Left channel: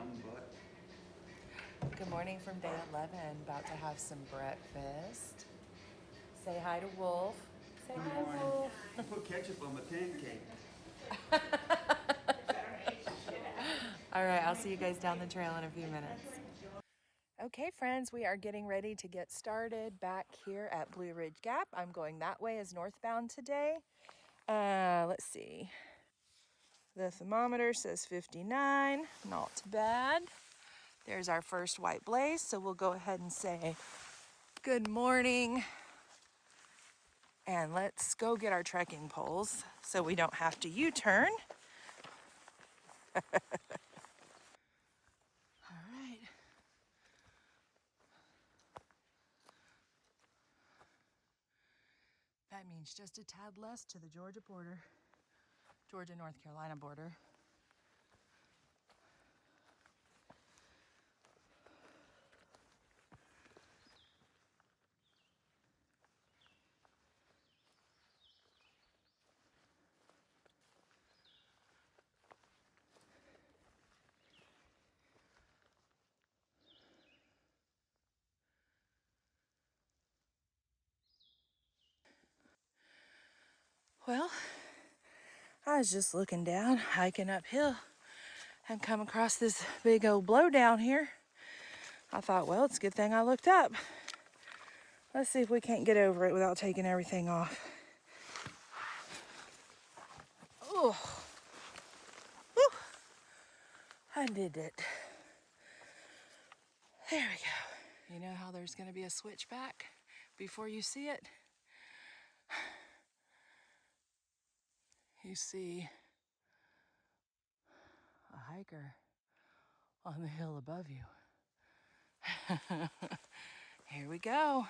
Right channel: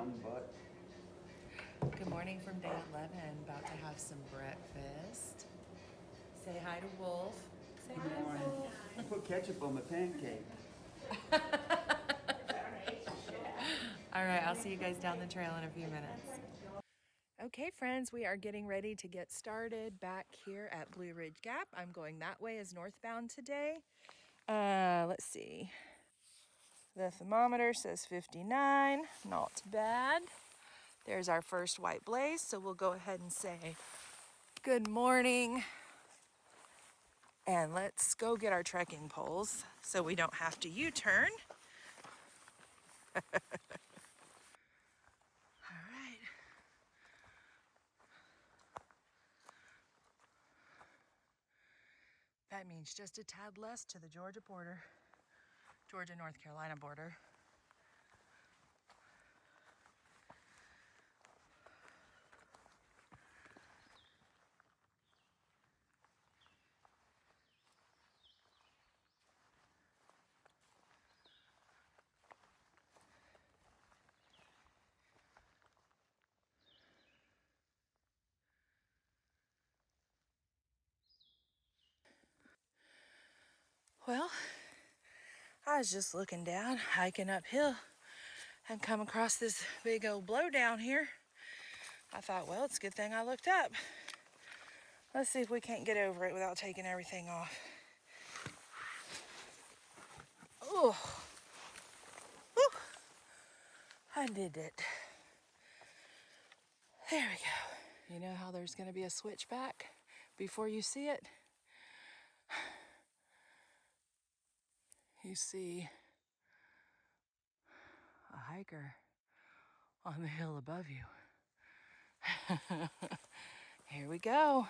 some butt. Good morning from day 11. About to have some breakfast. Say hi to Wolf. Say Good hi to morning. Wolf. I put ketchup on my pancake. All right, I'll see you guys down the trail in a few minutes. Okay, friends, we are getting ready to get started back here at Blue Ridge Gap. I'm going that way as northbound today. Let's see. The thermometer says 59, not bad. There's our first white blaze, so we'll go ahead and say good morning. And let's go get our trekking poles so we don't have to U-turn. All right. That means just a tad less to the Georgia border, Georgia-North Carolina border. Well, I was just looking down, hiking uphill, and come across this big old blowdown here. I thought, well, it's a good thing I looked up. Let's see if we can't get over it without taking everything off. Oh, whew. I did it. There we go. You know how there's going to be a switchback before you see it? You see a hiker on the hill above you. Here we go.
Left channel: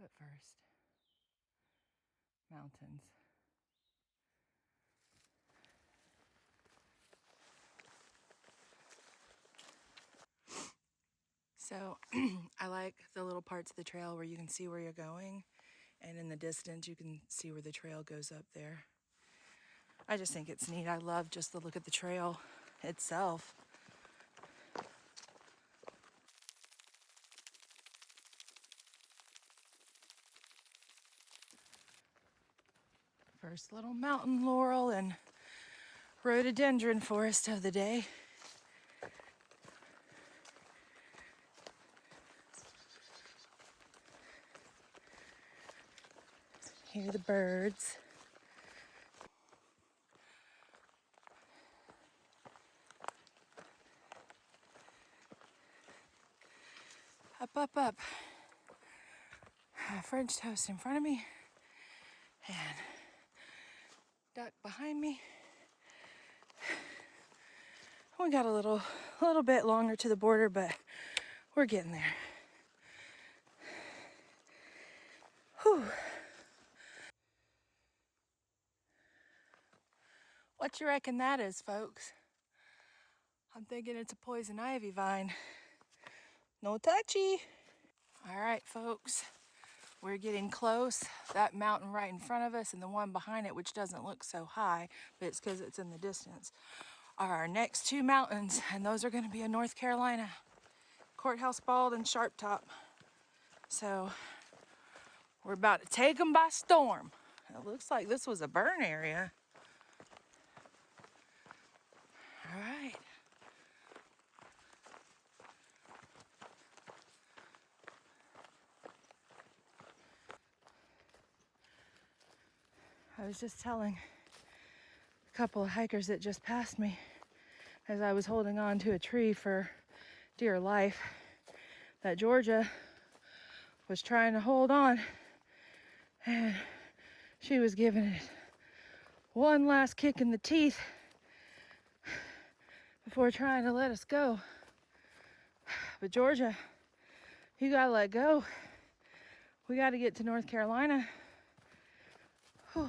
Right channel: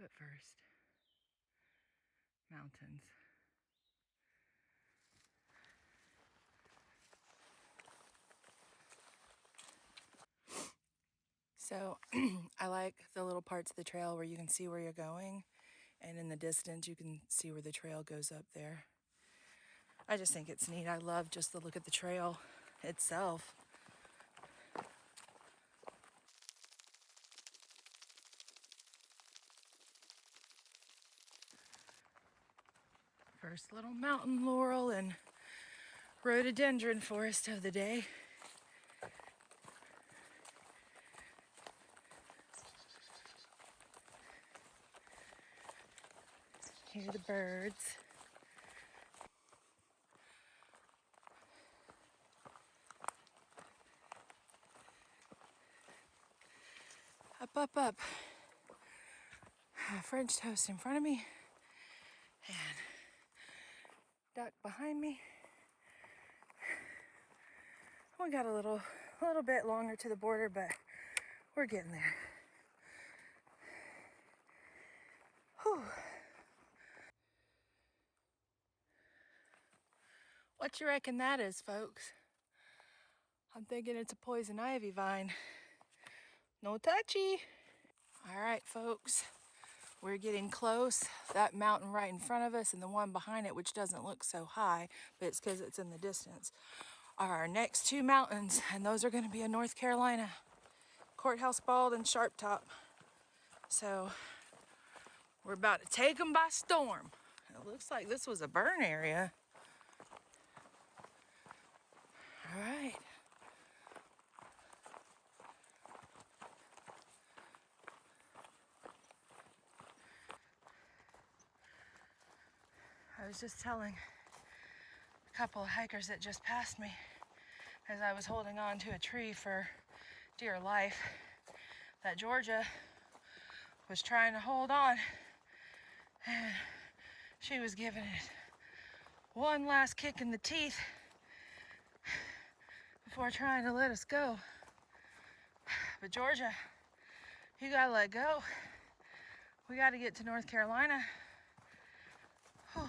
But first, mountains. So I like the little parts of the trail where you can see where you're going, and in the distance you can see where the trail goes up there. I just think it's neat. I love just the look at the trail itself. First little mountain laurel and rhododendron forest of the day. Hear the birds. Up, up, up. French toast in front of me and duck behind me. We got a little bit longer to the border, but we're getting there. Whew. What you reckon that is, folks? I'm thinking it's a poison ivy vine. No touchy. All right, folks. We're getting close. That mountain right in front of us and the one behind it, which doesn't look so high, but it's because it's in the distance, are our next two mountains, and those are going to be in North Carolina. Courthouse Bald and Sharp Top. So we're about to take them by storm. It looks like this was a burn area. All right. I was just telling a couple of hikers that just passed me as I was holding on to a tree for dear life that Georgia was trying to hold on, and she was giving it one last kick in the teeth before trying to let us go. But Georgia, you gotta let go. We gotta get to North Carolina. Whew.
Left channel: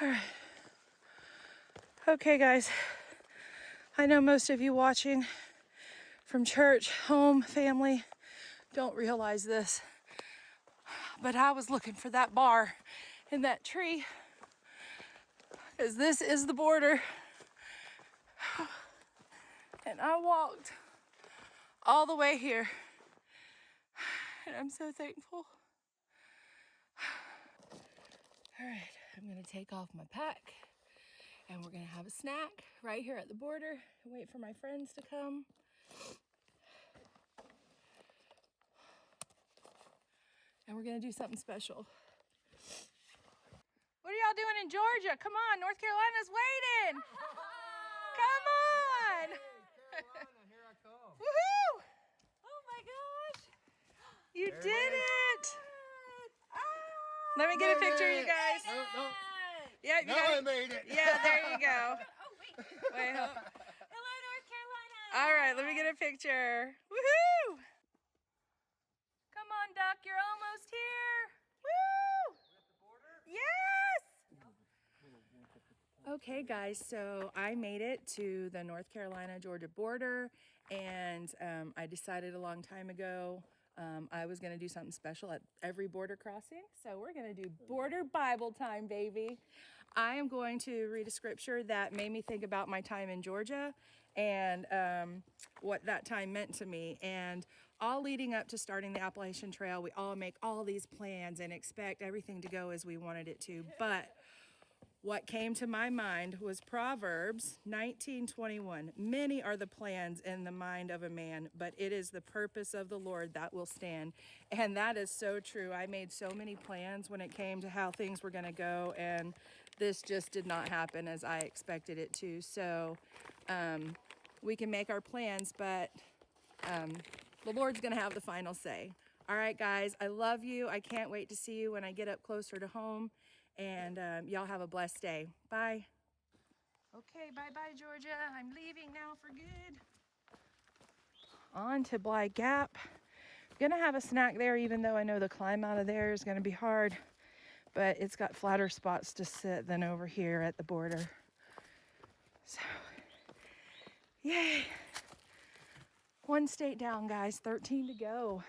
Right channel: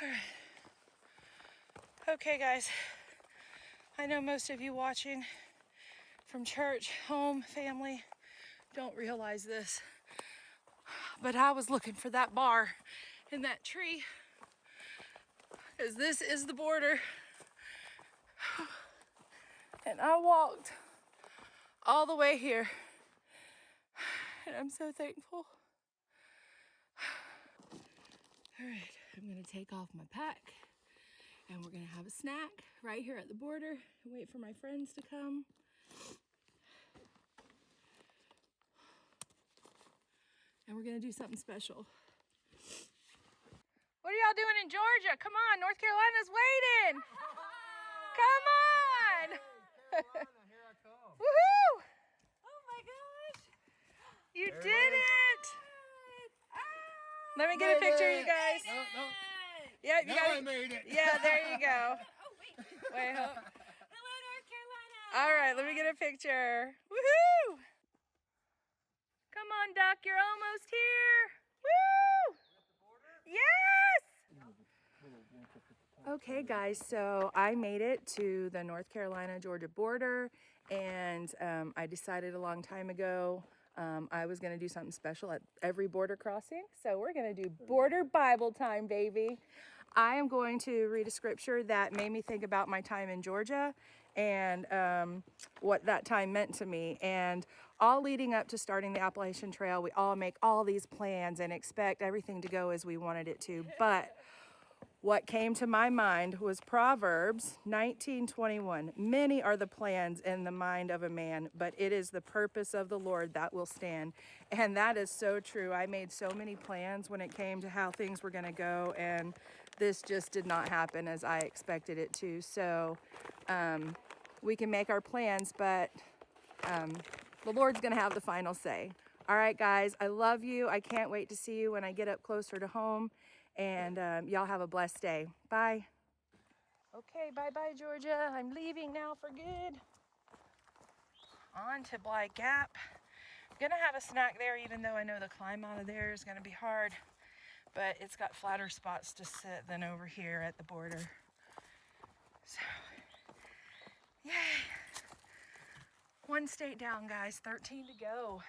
All right. Okay, guys. I know most of you watching from church, home, family don't realize this, but I was looking for that bar in that tree As this is the border. And I walked all the way here. And I'm so thankful. All right, I'm gonna take off my pack and we're gonna have a snack right here at the border and wait for my friends to come. And we're gonna do something special. What are y'all doing in Georgia? Come on, North Carolina's waiting. Come on. Carolina, here I come. Woohoo! Oh my gosh! You There it did is. it. Let me get a picture, you guys. No, no. Yeah, you Now got I it. made it. Yeah, there you go. Oh wait! Wait, hold. Hello, North Carolina! All right, let me get a picture. Woohoo! Come on, Duck, you're almost here. Woo! Yes! Okay, guys, so I made it to the North Carolina-Georgia border, and I decided a long time ago I was going to do something special at every border crossing. So we're going to do border Bible time, baby. I am going to read a scripture that made me think about my time in Georgia and what that time meant to me. And all leading up to starting the Appalachian Trail, we all make all these plans and expect everything to go as we wanted it to. But what came to my mind was Proverbs 19:21. Many are the plans in the mind of a man, but it is the purpose of the Lord that will stand. And that is so true. I made so many plans when it came to how things were going to go, and this just did not happen as I expected it to. So we can make our plans, but the Lord's going to have the final say. All right, guys, I love you. I can't wait to see you when I get up closer to home. And y'all have a blessed day. Bye. Okay, bye-bye, Georgia. I'm leaving now for good. On to Bly Gap. Gonna have a snack there, even though I know the climb out of there is gonna be hard. But it's got flatter spots to sit than over here at the border. So, yay. One state down, guys. 13 to go.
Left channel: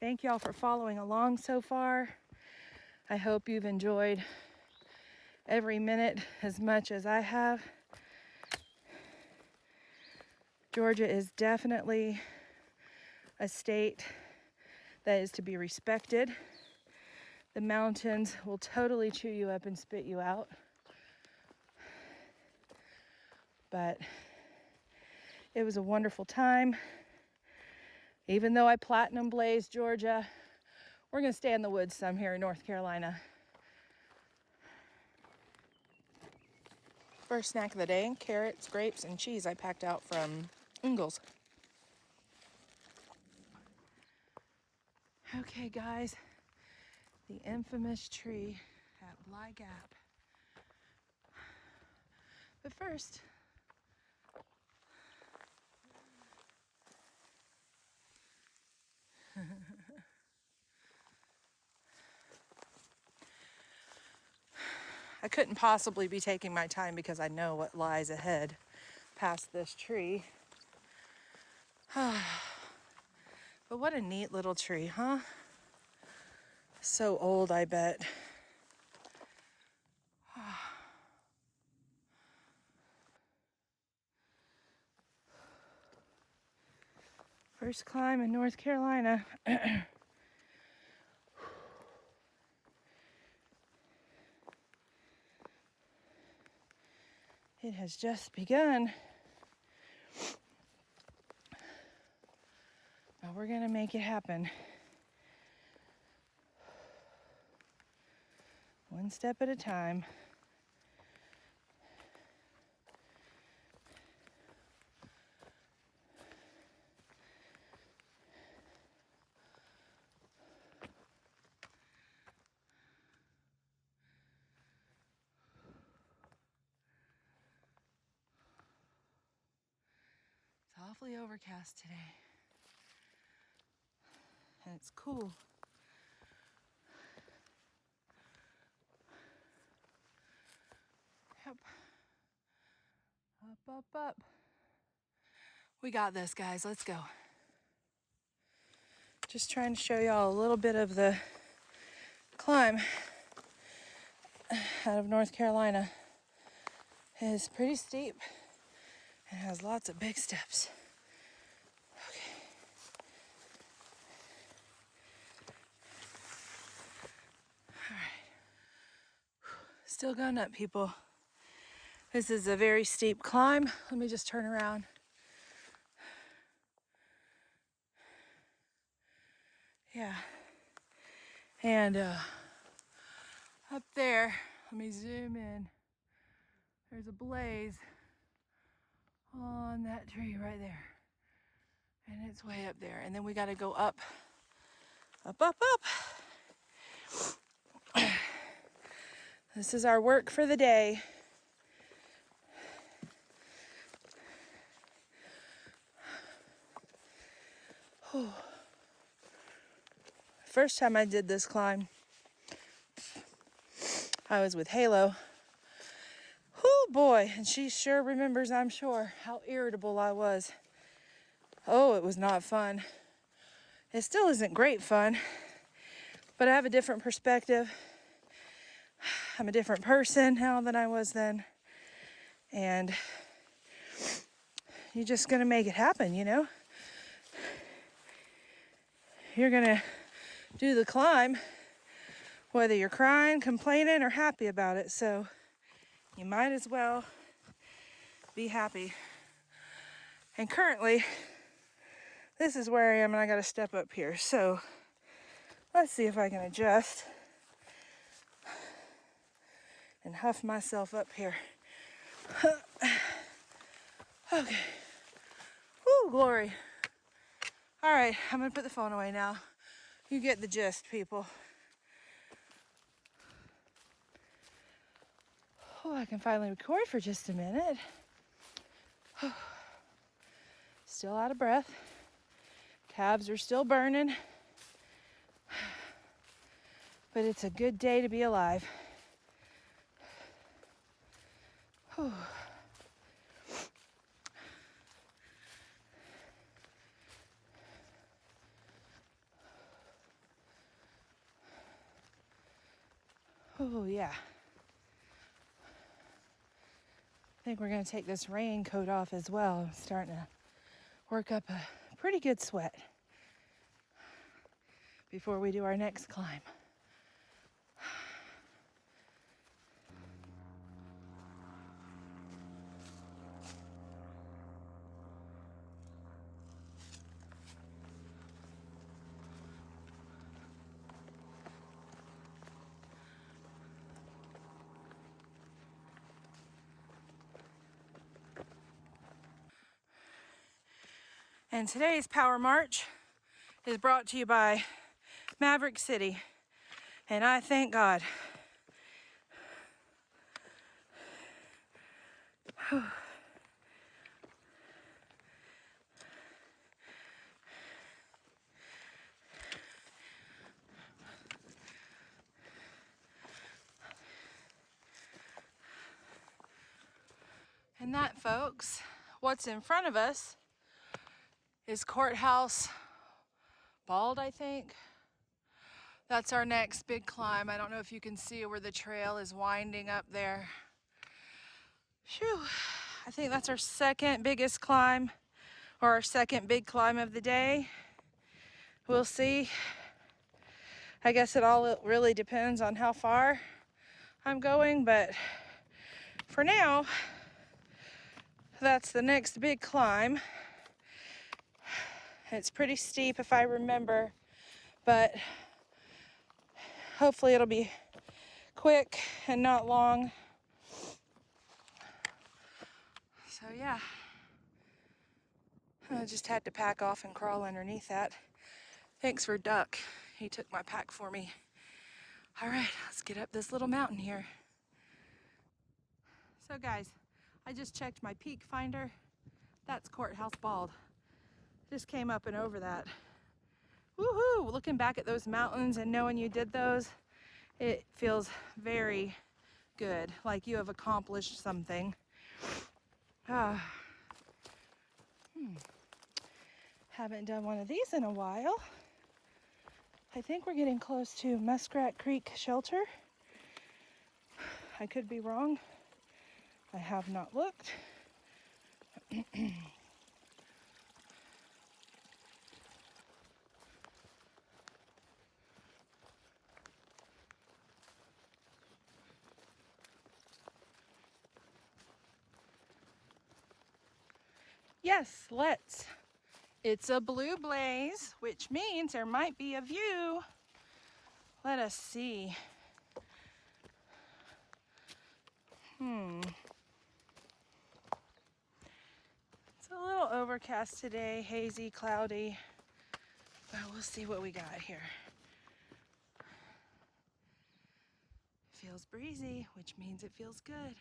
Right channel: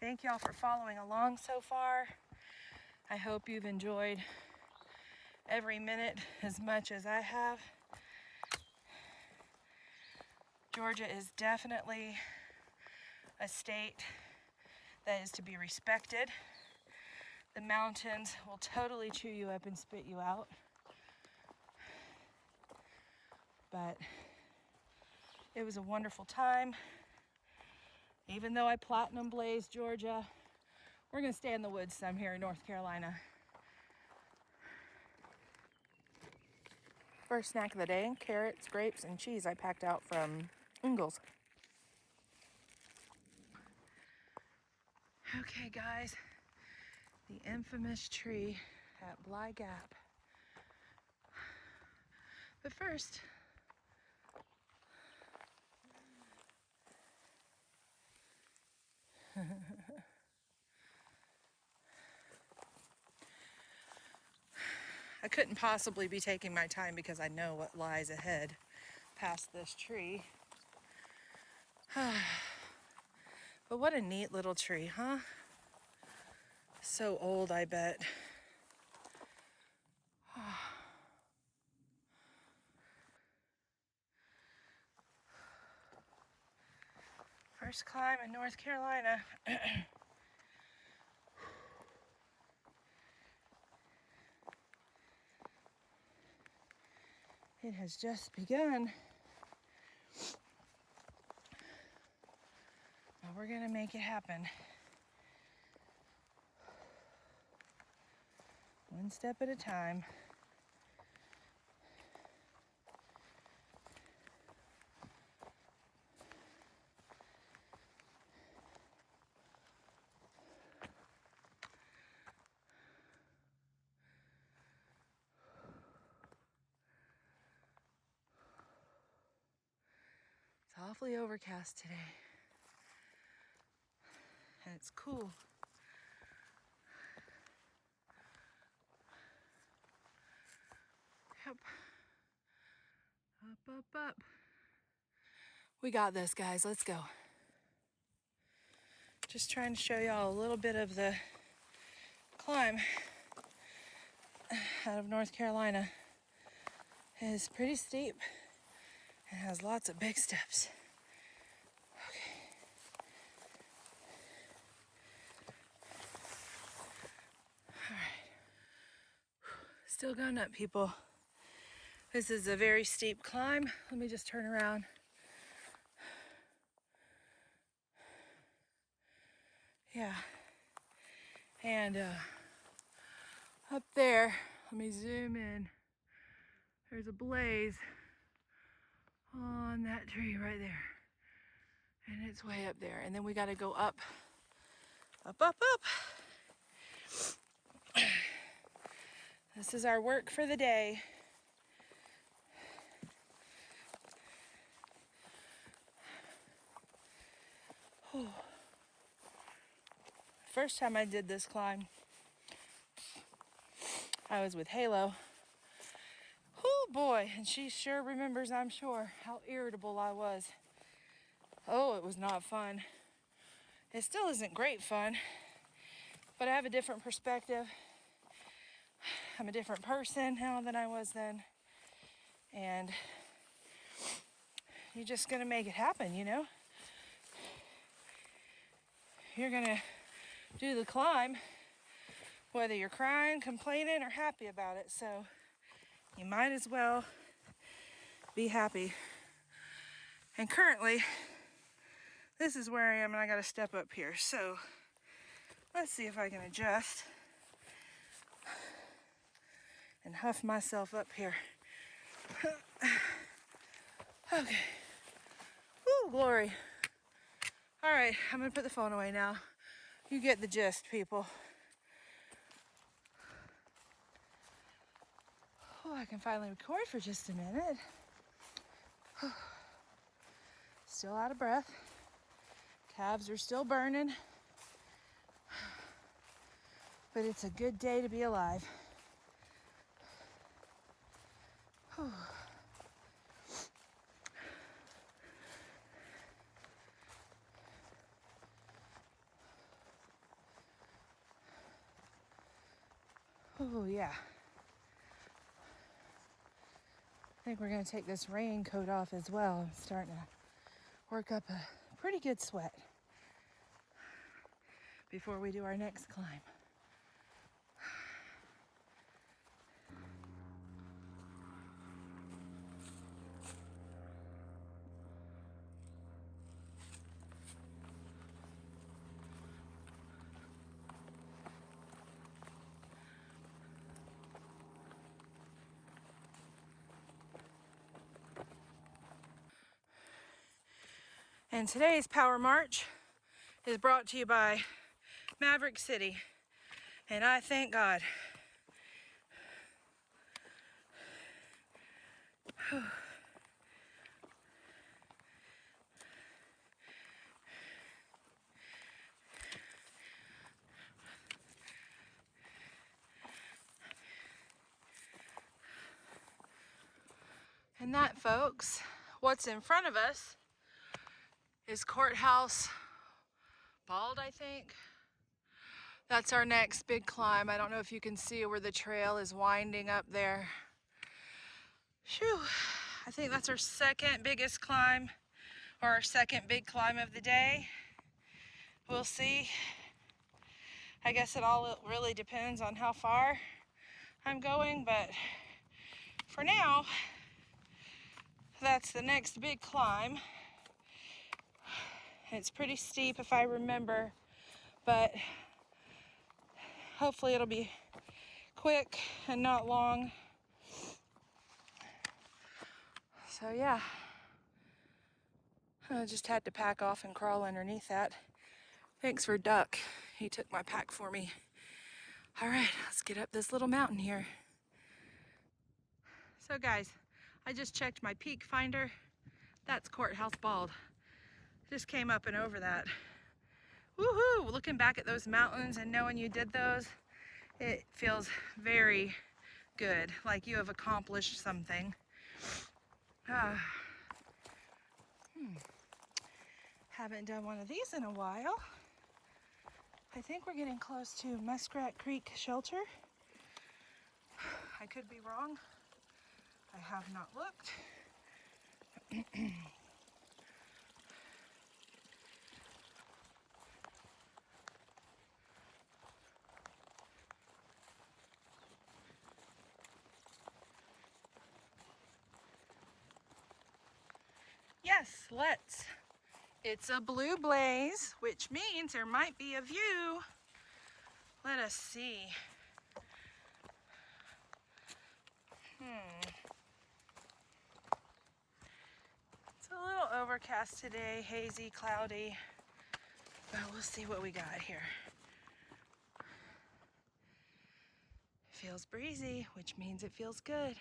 Thank y'all for following along so far. I hope you've enjoyed every minute as much as I have. Georgia is definitely a state that is to be respected. The mountains will totally chew you up and spit you out. But it was a wonderful time. Even though I platinum blazed Georgia, we're gonna stay in the woods some here in North Carolina. First snack of the day, carrots, grapes, and cheese I packed out from Ingles. Okay, guys, the infamous tree at Bly Gap. But first, I couldn't possibly be taking my time because I know what lies ahead past this tree. But what a neat little tree, huh? So old, I bet. First climb in North Carolina. It has just begun. Now we're gonna make it happen. One step at a time. It's awfully overcast today. And it's cool. Yep. Up, up, up. We got this, guys. Let's go. Just trying to show y'all a little bit of the climb out of North Carolina. It is pretty steep and has lots of big steps. Okay. All right. Still going up, people. This is a very steep climb. Let me just turn around. Yeah. And up there, let me zoom in. There's a blaze on that tree right there. And it's way up there. And then we got to go up, up, up, up. This is our work for the day. Whew. First time I did this climb, I was with Halo. Oh boy, and she sure remembers, I'm sure, how irritable I was. Oh, it was not fun. It still isn't great fun, but I have a different perspective. I'm a different person now than I was then. And you're just gonna make it happen, you know? You're gonna do the climb, whether you're crying, complaining, or happy about it. So you might as well be happy. And currently, this is where I am, and I gotta step up here. So let's see if I can adjust and huff myself up here. Okay. Woo, glory. All right, I'm gonna put the phone away now. You get the gist, people. Oh, I can finally record for just a minute. Still out of breath. Calves are still burning. But it's a good day to be alive. Whew. Oh, yeah. I think we're going to take this raincoat off as well. I'm starting to work up a pretty good sweat before we do our next climb. And today's Power March is brought to you by Maverick City. And I thank God. And that, folks, what's in front of us is Courthouse Bald, I think. That's our next big climb. I don't know if you can see where the trail is winding up there. Phew. I think that's our second biggest climb, or our second big climb of the day. We'll see. I guess it all really depends on how far I'm going, but for now, that's the next big climb. It's pretty steep if I remember, but hopefully it'll be quick and not long. So yeah, I just had to pack off and crawl underneath that. Thanks for Duck. He took my pack for me. All right, let's get up this little mountain here. So guys, I just checked my peak finder. That's Courthouse Bald. Just came up and over that. Woohoo! Looking back at those mountains and knowing you did those, it feels very good, like you have accomplished something. Haven't done one of these in a while. I think we're getting close to Muskrat Creek Shelter. I could be wrong. I have not looked. Yes, let's. It's a blue blaze, which means there might be a view. Let us see. It's a little overcast today, hazy, cloudy, but we'll see what we got here. Feels breezy, which means it feels good.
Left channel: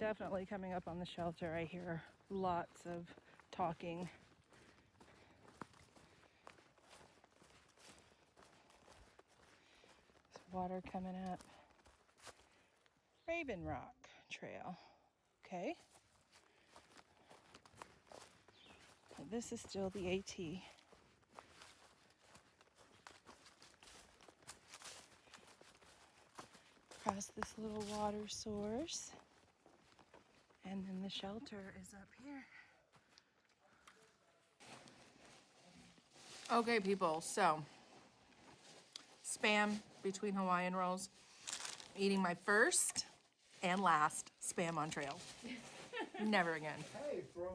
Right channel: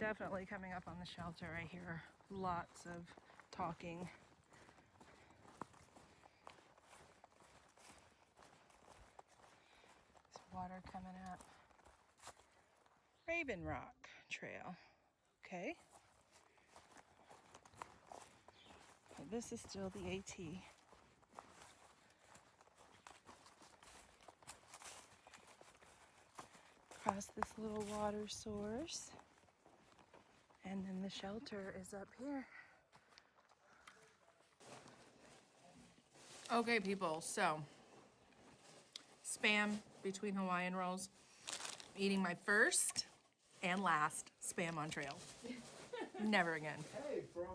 Definitely coming up on the shelter, I hear lots of talking. There's water coming up. Raven Rock Trail. Okay. But this is still the AT. Across this little water source. And then the shelter is up here. Okay, people, so Spam between Hawaiian rolls. I'm eating my first and last Spam on trail. Never again. Hey, throw in $10.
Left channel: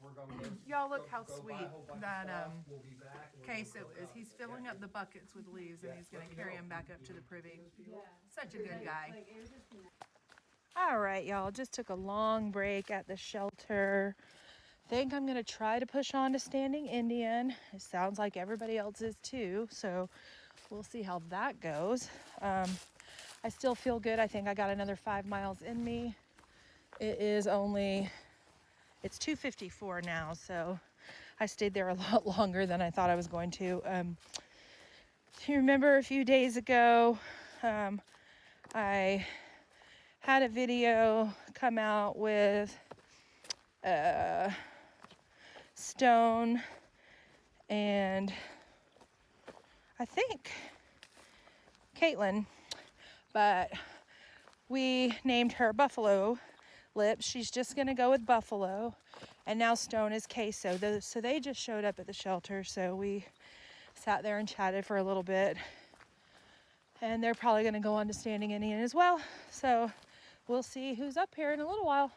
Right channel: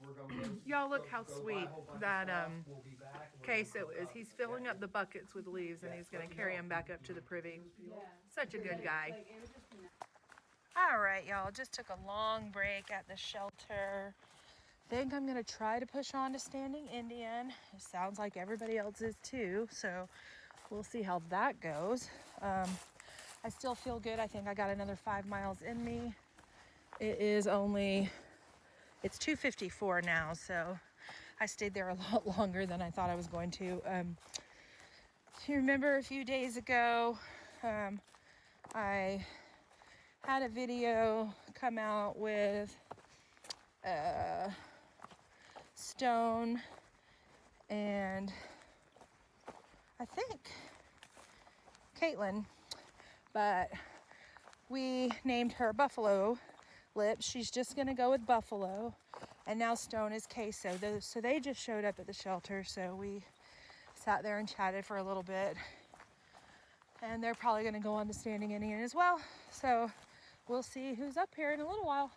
We're going to Y'all look how go buy a sweet whole bunch of that stuff. We'll be back. queso is. He's filling up the buckets with leaves and he's gonna carry them back up to the privy. Such a good guy. All right, y'all, just took a long break at the shelter. Think I'm gonna try to push on to Standing Indian. It sounds like everybody else is too, so we'll see how that goes. I still feel good. I think I got another 5 miles in me. It's 2:54 now, so I stayed there a lot longer than I thought I was going to. You remember a few days ago, I had a video come out with Stone and I think Caitlin, but we named her Buffalo Lips. She's just gonna go with Buffalo, and now Stone is Queso. So they just showed up at the shelter, so we sat there and chatted for a little bit, and they're probably gonna go on to Standing Indian as well, so we'll see who's up here in a little while.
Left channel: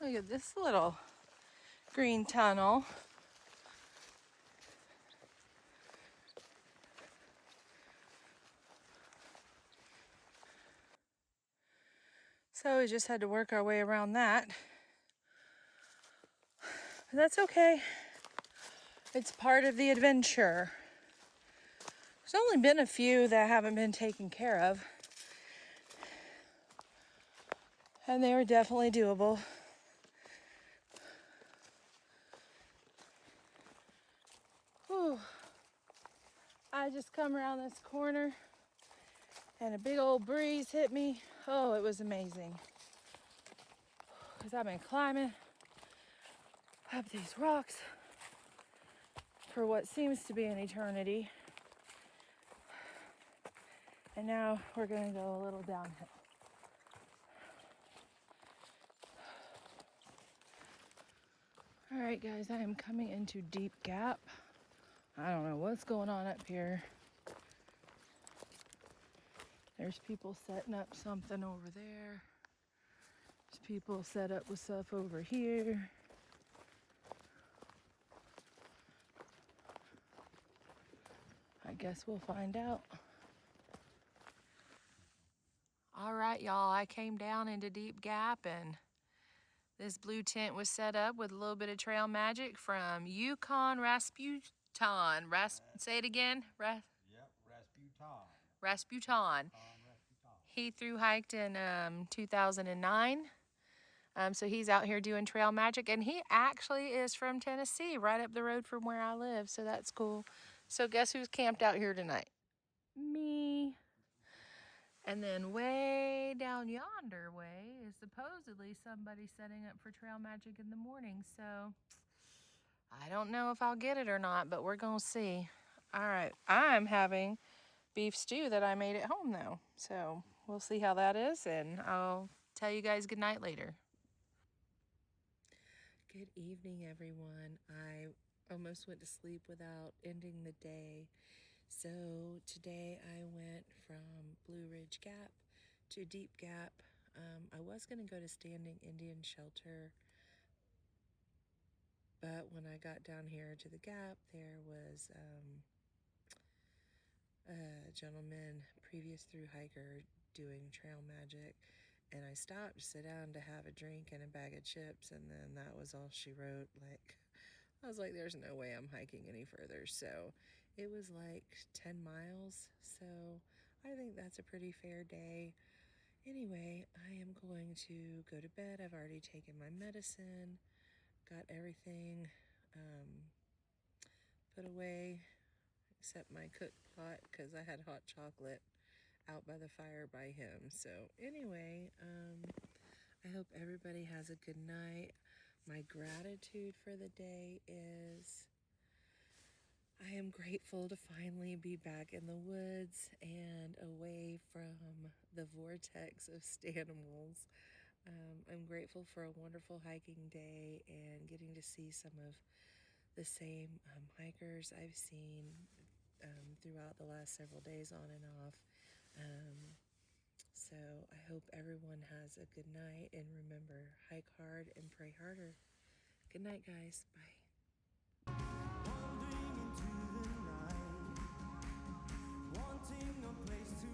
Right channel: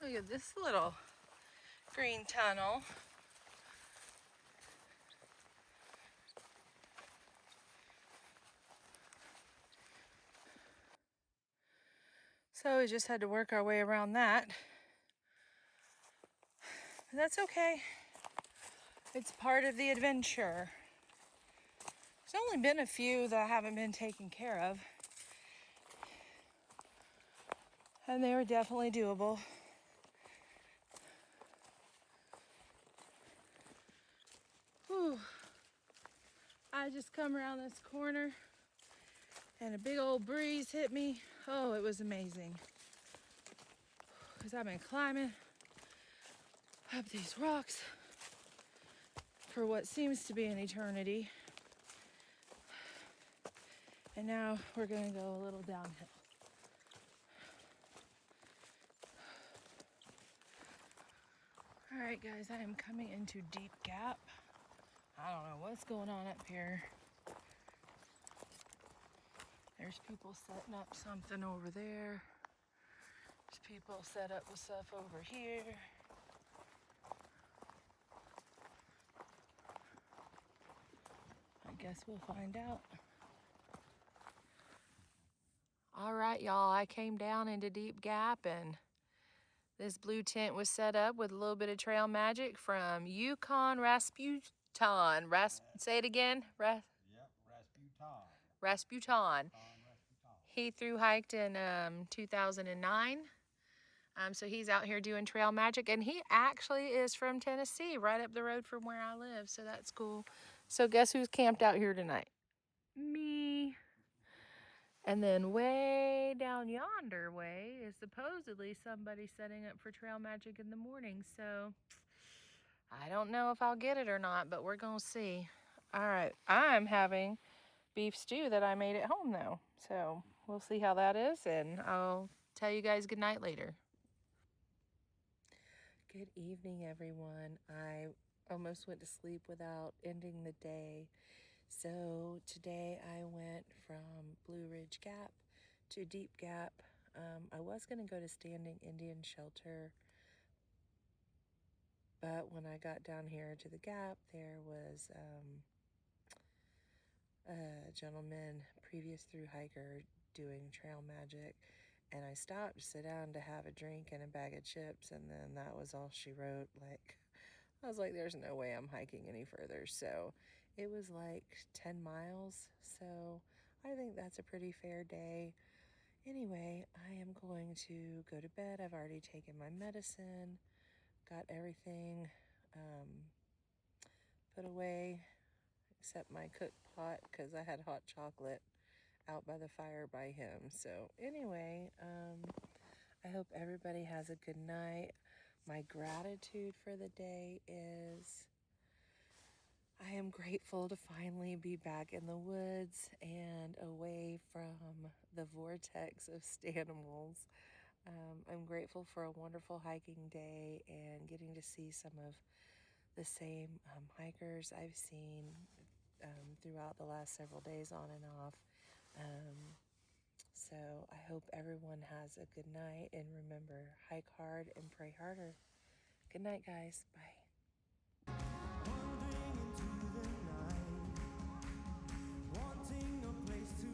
Look at this little green tunnel. So we just had to work our way around that. But that's okay. It's part of the adventure. There's only been a few that haven't been taken care of. And they were definitely doable. Whew. I just come around this corner and a big old breeze hit me. Oh, it was amazing. Because I've been climbing up these rocks for what seems to be an eternity. And now we're gonna go a little downhill. All right, guys, I am coming into Deep Gap. I don't know what's going on up here. There's people setting up something over there. There's people set up with stuff over here. I guess we'll find out. All right, y'all, I came down into Deep Gap and this blue tent was set up with a little bit of trail magic from Yukon Rasputin. Say it again. Yep, Rasputin. Rasputin. He thru hiked in 2009. So he's out here doing trail magic, and he actually is from Tennessee, right up the road from where I live. So that's cool. So guess who's camped out here tonight? Me. And then way down yonder way is supposedly somebody setting up for trail magic in the morning. So I don't know if I'll get it or not, but we're going to see. All right. I'm having beef stew that I made at home though. So we'll see how that is, and I'll tell you guys good night later. Good evening, everyone. I almost went to sleep without ending the day. So today I went from Blue Ridge Gap to Deep Gap. I was going to go to Standing Indian Shelter, but when I got down here to the Gap, there was a gentleman, previous through hiker, doing trail magic, and I stopped to sit down to have a drink and a bag of chips, and then that was all she wrote. Like, I was like, there's no way I'm hiking any further. So it was like 10 miles. So I think that's a pretty fair day. Anyway, I am going to go to bed. I've already taken my medicine, got everything put away except my cook pot because I had hot chocolate out by the fire by him. So anyway, I hope everybody has a good night. My gratitude for the day is I am grateful to finally be back in the woods and away from the vortex of Stanimals. I'm grateful for a wonderful hiking day and getting to see some of the same hikers I've seen throughout the last several days on and off. So I hope everyone has a good night, and remember, hike hard and pray harder. Good night, guys. Bye. Wandering into the night, wanting a place to